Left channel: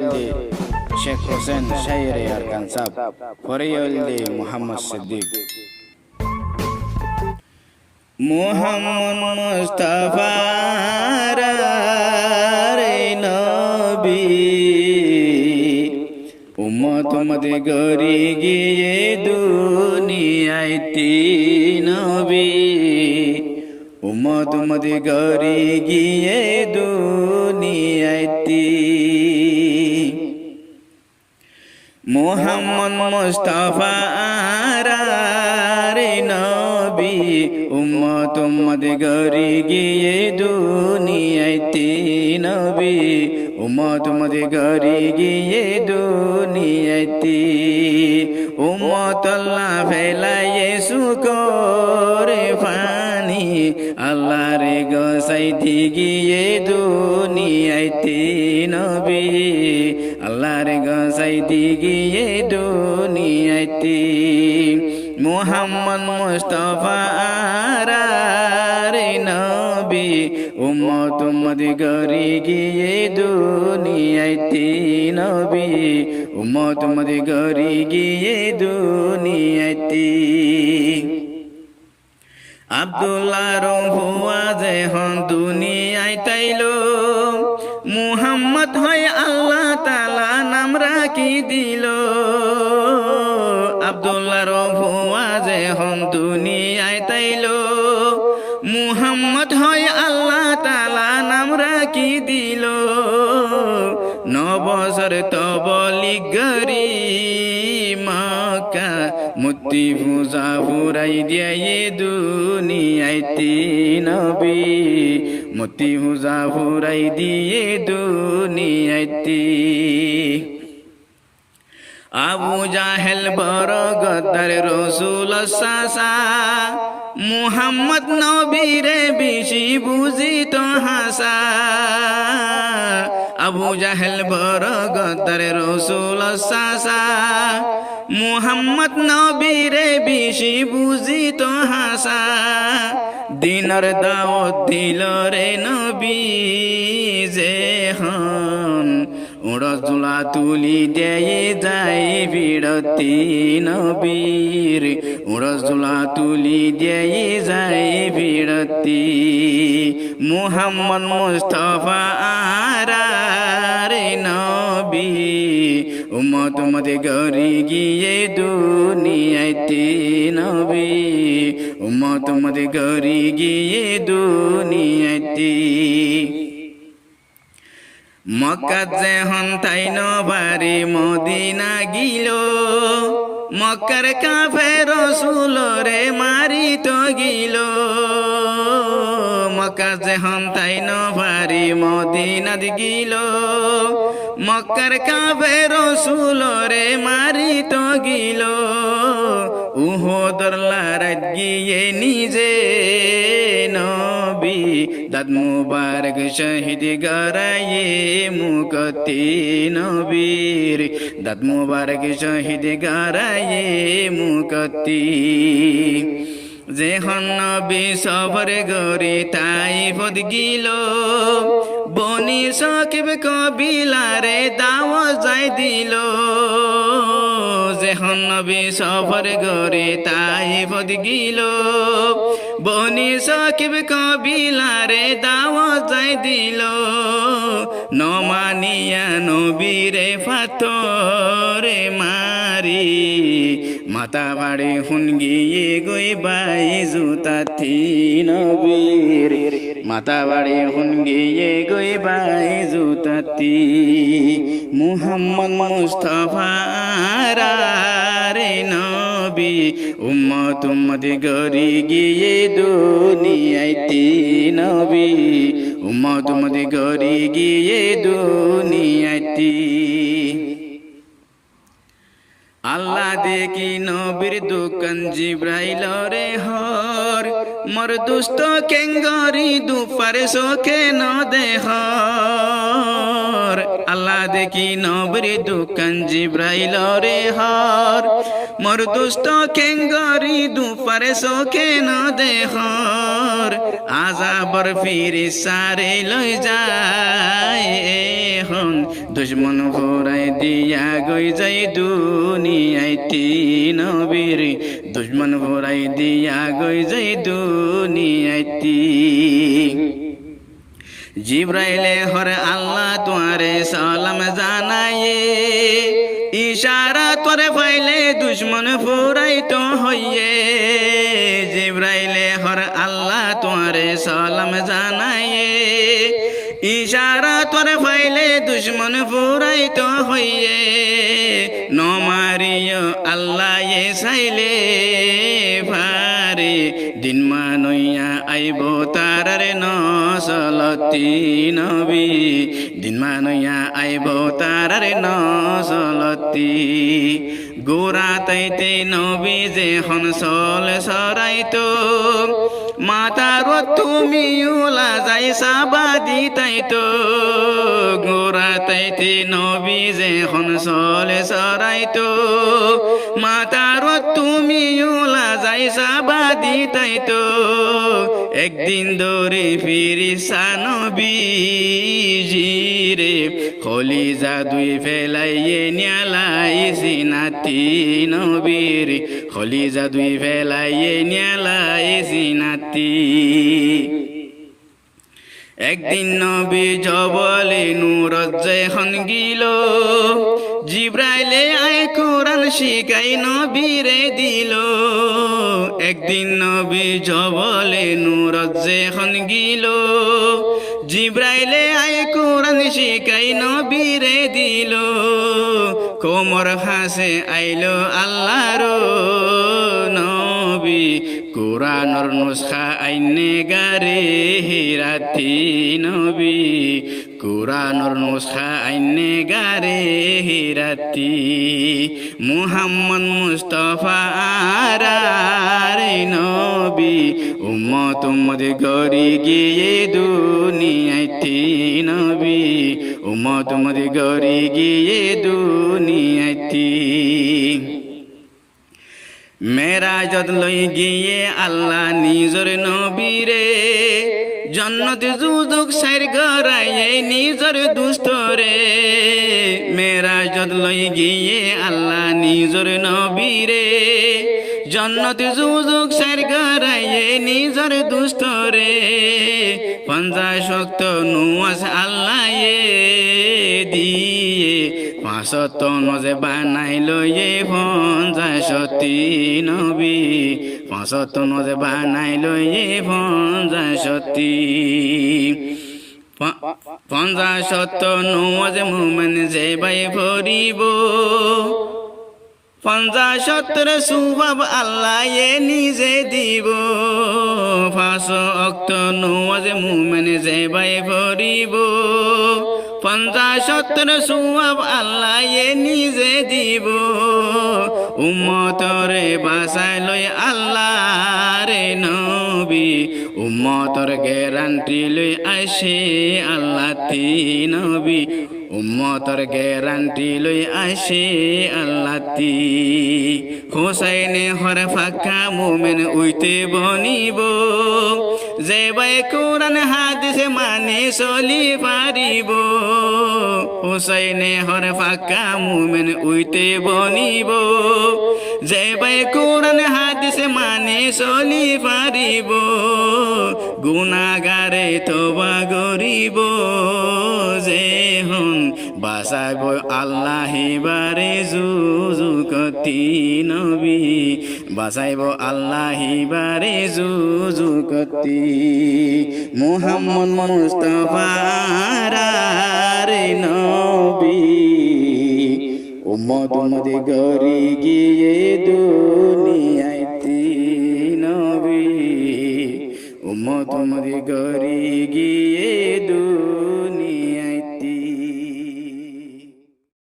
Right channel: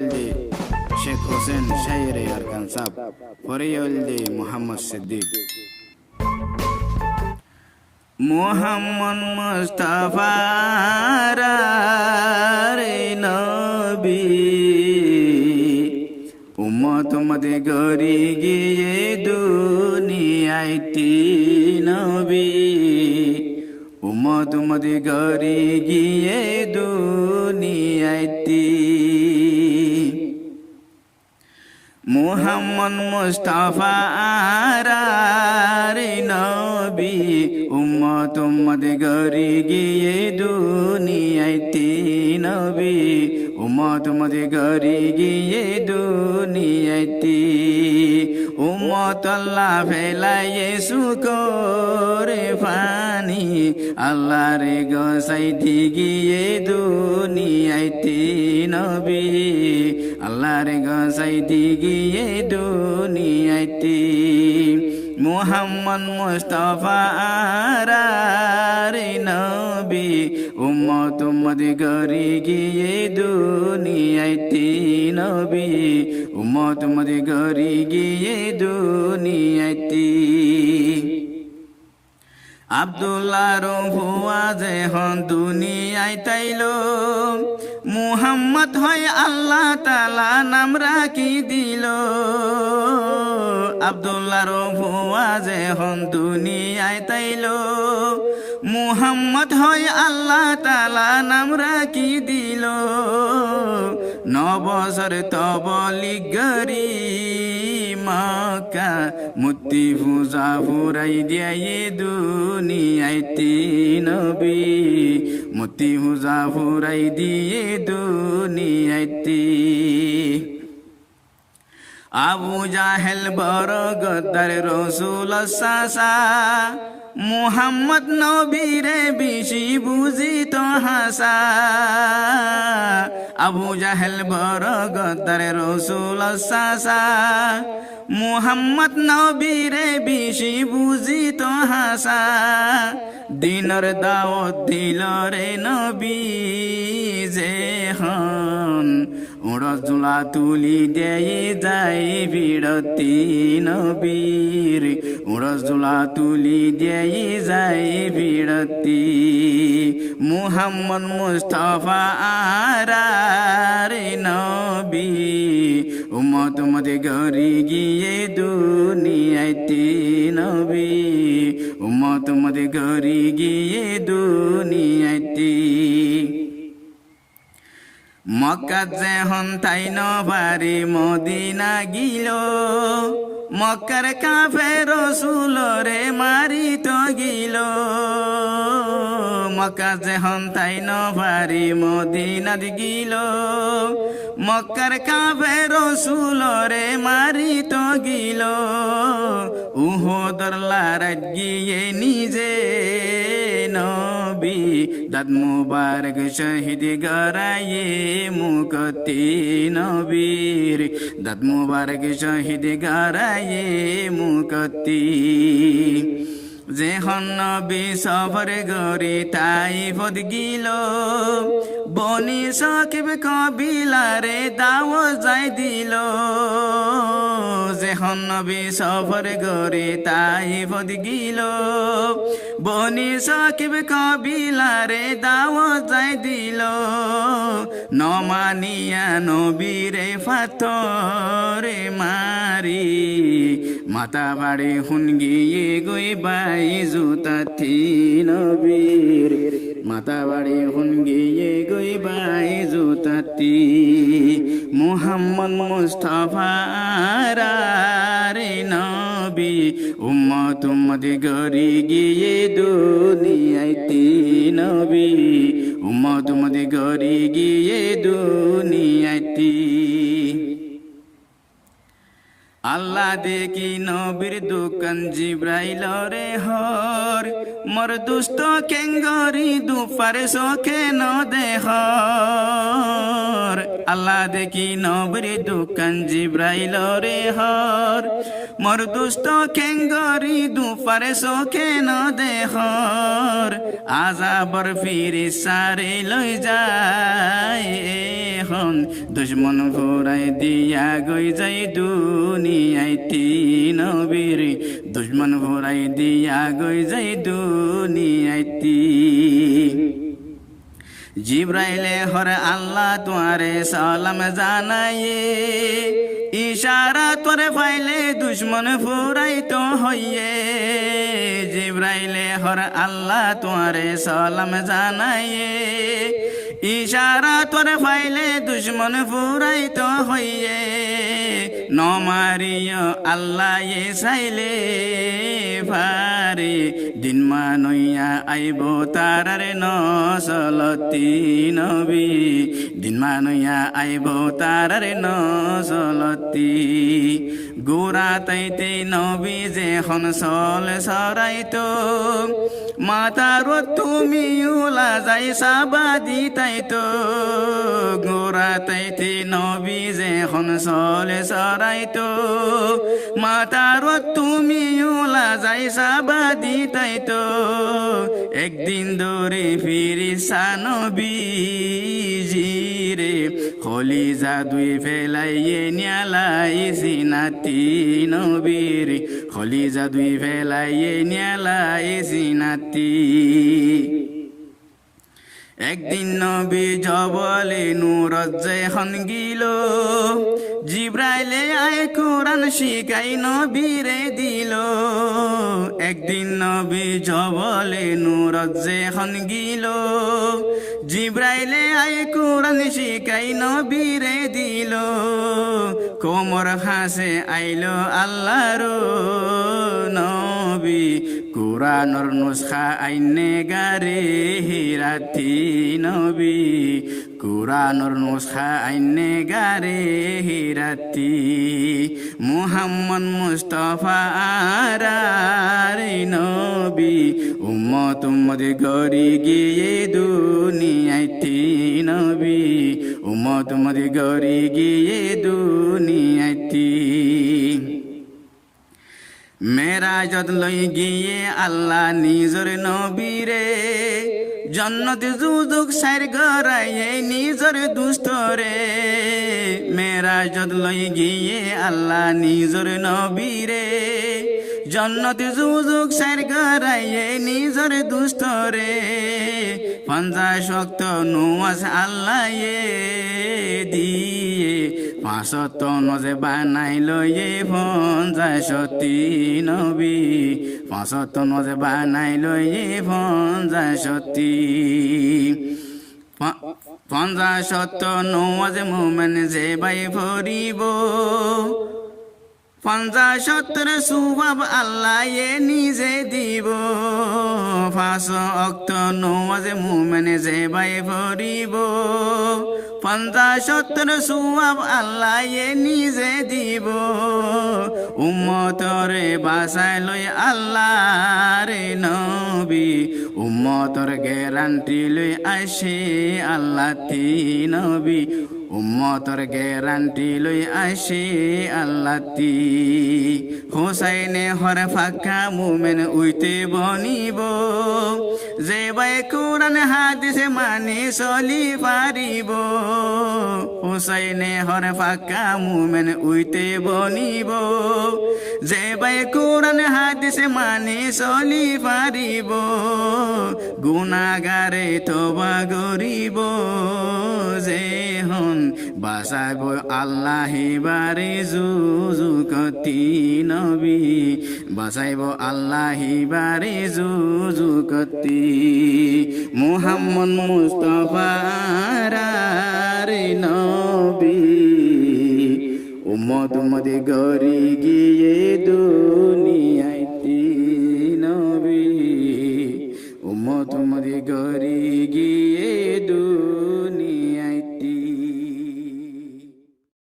Sheikh Hossain শাইরে Arkan sub ফরিয়লদি Mohammad Siddique Muhammad Mustafa রে নবী উম্মত মদে গরি গিয়ে দুনিয়াইতি নবী উম্মত মদে গরি গিয়ে দুনিয়াইতি মুহাম্মদ মুস্তাফা রে নবী উম্মত মদে গরি গিয়ে দুনিয়াইতি নবী উম্মত মদে গরি গিয়ে দুনিয়াইতি উম্মত আল্লাহ ফেলাইয়ে সুকরে ফানি আল্লাহ রে গোসাইতি গিয়ে দুনিয়াইতি নবী আল্লাহ রে গোসাইতি গিয়ে দুনিয়াইতি মুহাম্মদ মুস্তাফা রে নবী উম্মত মদে গরি গিয়ে দুনিয়াইতি নবী উম্মত মদে গরি গিয়ে দুনিয়াইতি আব্দুল্লাহ রফুয়া যেহন দুনিয়ায় তাইলো মুহাম্মদ হয় আল্লাহ তাআলা নাম রাখি দিল আব্দুল্লাহ রফুয়া যেহন দুনিয়ায় তাইলো মুহাম্মদ হয় আল্লাহ তাআলা নাম রাখি দিল 9 বছর তবলিগ গরি মক্কা মুতি পূজা ফুরাই দিয়ে দুনিয়াইতি নবী মুতি পূজা ফুরাই দিয়ে দুনিয়াইতি আবু জাহেল বড় গদ্দার রসুল সাসা মুহাম্মদ নবীরে বেশি বুঝিত হাসা আবু জাহেল বড় গদ্দার রসুল সাসা মুহাম্মদ নবীরে বেশি বুঝিত হাসা দিনর দাওয়াত দিল রে নবী যেহন উড়জুলা তুলি দিয়ে যাই বিরতি নবীর উড়জুলা তুলি দিয়ে যাই বিরতি মুহাম্মদ মুস্তাফা রে নবী উম্মত মদে গরি গিয়ে দুনিয়াইতি নবী উম্মত মদে গরি গিয়ে দুনিয়াইতি মক্কা যেহন তাই নবারে মদিনা গিল মক্কার কাফের রাসূলরে মারিত গিল মক্কা যেহন তাই নবারে মদিনা গিল মক্কার কাফের রাসূলরে মারিত গিল উহুদর লড়াইত গিয়ে নিজে নবী দাঁত মুবারক শহীদ গরায়ে মুকতি নবীর দাঁত মুবারক শহীদ গরায়ে মুকতি যেহন নবী সফর গরি তাইফত গিল বনি সাকিব কবিলারে দাওয়াত যাই দিল যেহন নবী সফর গরি তাইফত গিল বনি সাকিব কবিলারে দাওয়াত যাই দিল নমানিয়া নবীরে ফাতরে মারি মাতা বাড়ি হুন গিয়ে গই বাই জুতাতি নবীর মাতা বাড়ি হুন গিয়ে গই বাই জুতাতি মুহাম্মদ মুস্তাফা রে নবী উম্মত মদে গরি গিয়ে দুনিয়াইতি নবী উম্মত মদে গরি গিয়ে দুনিয়াইতি আল্লাহ দেখি নবীর দোকান জিব্রাইল রে হর মোর দুষ্ট কেঙ্গরি দুপারে চোখে ন দেহ আল্লাহ দেখি নবীর দোকান জিব্রাইল রে হর মোর দুষ্ট কেঙ্গরি দুপারে চোখে ন দেহ আজাবর ফিরি সারে লই যায় এখন দুশ্মন ফুরাই দিয়া গই যাই দুনিয়াইতি নবীর দুশ্মন ফুরাই দিয়া গই যাই দুনিয়াইতি জিব্রাইলে হরে আল্লাহ তোমারে সালাম জানায়ে ইশারা তোরে পাইলে দুশ্মন ফুরাইতো হইয়ে জিব্রাইলে হরে আল্লাহ তোমারে সালাম জানায়ে ইশারা তোরে পাইলে দুশ্মন ফুরাইতো হইয়ে নমারিয় আল্লাহ এ চাইলে ফারে দিন মানইয়া আইব তারারে নসলতি নবী দিন মানইয়া আইব তারারে নসলতি গোরা তাইতে নবী যে হন সল সরাইতো মাতার তুমি উলা যাই সাবাদি তাইতো গোরা তাইতে নবী যে হন সল সরাইতো মাতার তুমি উলা যাই সাবাদি তাইতো একদিন ধরে ফিরিসা নবী জিরে খলি জাদুই ফেলাইয়ে নিয়ালাই সিনাতি নবীর খলি জাদুই ফেলাইয়ে নিয়ালাই সিনাতি একদিন নবী জবলে নুরজ্জে হন গিল জিব্রাইলে আয় কোরআন শিখাই নবীরে দিল একদিন নবী জবলে নুরজ্জে হন গিল জিব্রাইলে আয় কোরআন শিখাই নবীরে দিল কোমর হাসে আইলো আল্লাহর নবী কোরআনর নুসখা আইনে গারে হিরাতি নবী কোরআনর নুসখা আইনে গারে হিরাতি মুহাম্মদ মুস্তাফা আরারে নবী উম্মত উম্মত গরি গিয়ে দুনিয়াইতি নবী উম্মত উম্মত গরি গিয়ে দুনিয়াইতি মেরাজত লই গিয়ে আল্লাহ নিজর নবীরে জন্নত যুযুক সাইর গরাইয়ে নিজর দুস্তরে মেরাজত লই গিয়ে আল্লাহ নিজর নবীরে জন্নত যুযুক সাইর গরাইয়ে নিজর দুস্তরে 50 শক্ত নুয়াজ আল্লাহ দিয়ে 500 নজে বানাইলো এ 50 নবী 500 নজে বানাইলো এ 50 নওয়াজ মুমিন যে বাই ভরিব 50 সুবাব আল্লাহ এ নিজে দিব 500 অক্ত নওয়াজ মুমিন যে বাই ভরিব 50 সুবাব আল্লাহ এ নিজে দিব উম্মতরে বাসাই লই আল্লাহ রে নবী উম্মতর গ্যারান্টি লই আসে আল্লাহ তি নবী উম্মতর গ্যারান্টি লই আসে আল্লাহ তি হুসাইনে হর ফাঁকা মুমিন উইতে বনিব যে বাই কোরআন হাদিসে মানি চলি পারিব হুসাইনে হর ফাঁকা মুমিন উইতে বনিব যে বাই কোরআন হাদিসে মানি চলি পারিব গুনাহগারে তওবা করিব যে হন বাসাইব আল্লাহ বারে যুযুকতি নবী বাসাইব আল্লাহ বারে যুযুকতি মুহাম্মদ মুস্তাফা রে নবী উম্মত উম্মতে গরি